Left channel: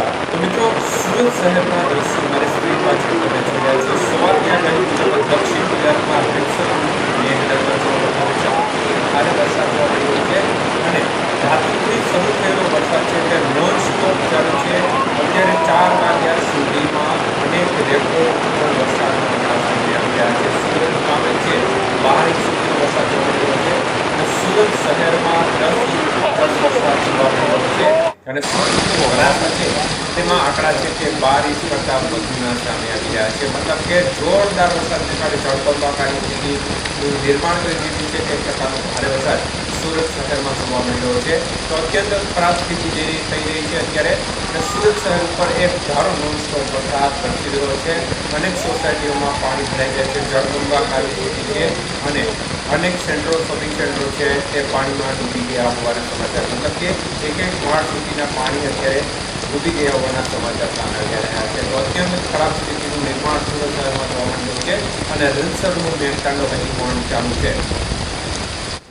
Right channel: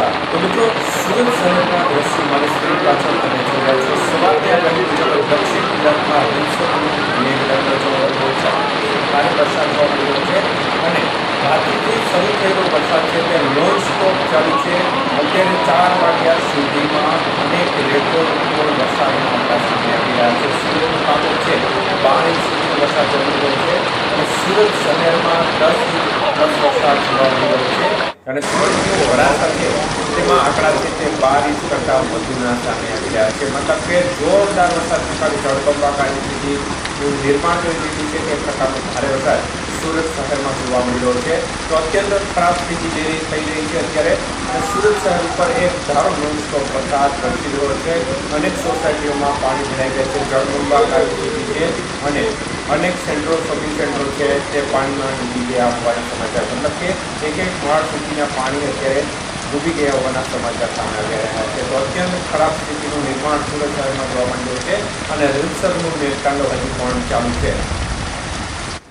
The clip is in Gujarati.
નમસ્કાર। તો મિત્રો, સુરત શહેરના દ્રશ્યો મારી સ્ક્રીન પાછળ તમે જોઈ રહ્યા છો। સવારની આગાહી મુજબ દક્ષિણ ગુજરાતમાં ભારે વરસાદ જોવા મળી રહ્યો છે અને રાત્રિથી શરૂ થયેલો વરસાદ છે તે નોન સ્ટોપ ચાલુ છે। અત્યારે 4 વાગ્યા સુધીમાં અનેક રેકોર્ડનો વરસાદનો આંકડા સામે આવી રહ્યા છે। સુરત કામો છે 12 ઇંચ સુધીનો વરસાદ જોવા મળી રહ્યો છે અને સુરત શહેરમાં 10 ઇંચ વરસાદ જોવા મળી રહ્યો છે અને સુરતનું વરાછા છે તેમાં આંકડા છે તે 12 ઇંચ કરતાં વધુના સામે આવી રહ્યા છે। મતલબ કે જોરદાર વરસાદને કારણે જળબંબાકારની સ્થિતિનું નિર્માણ કરી દીધી છે। તે પ્રકારનો ભારે વરસાદ સુરત શહેરમાં જોવા મળી રહ્યો છે। તો અત્યંત ખરાબ સ્થિતિ થઈ રહી છે અત્યારે અને સુરત શહેર ઉપર એક ધારો નોનસ્ટોપ વરસાદ વરસી રહ્યો છે। અનેક સોસાયટીઓમાં પાણી ભરાઈ ગયા છે, જળબંબાકારની સ્થિતિ છે અને અનેક સેન્ટરો, શોપિંગ સેન્ટરો છે તે પાણીમાં ડૂબી ગયા હોવાના સમાચાર, મતલબ કે એક માળ સુધીના પાણી અત્યારે ડૂબી ગયા હોવાના સમાચાર સામે આવી રહ્યા છે। તો અત્યંત ખરાબ સ્થિતિનું નિર્માણ સુરત શહેરમાં જોવા મળ્યું છે અને રીતસરનું મેળકાંડો હજી પણ ચાલુ છે।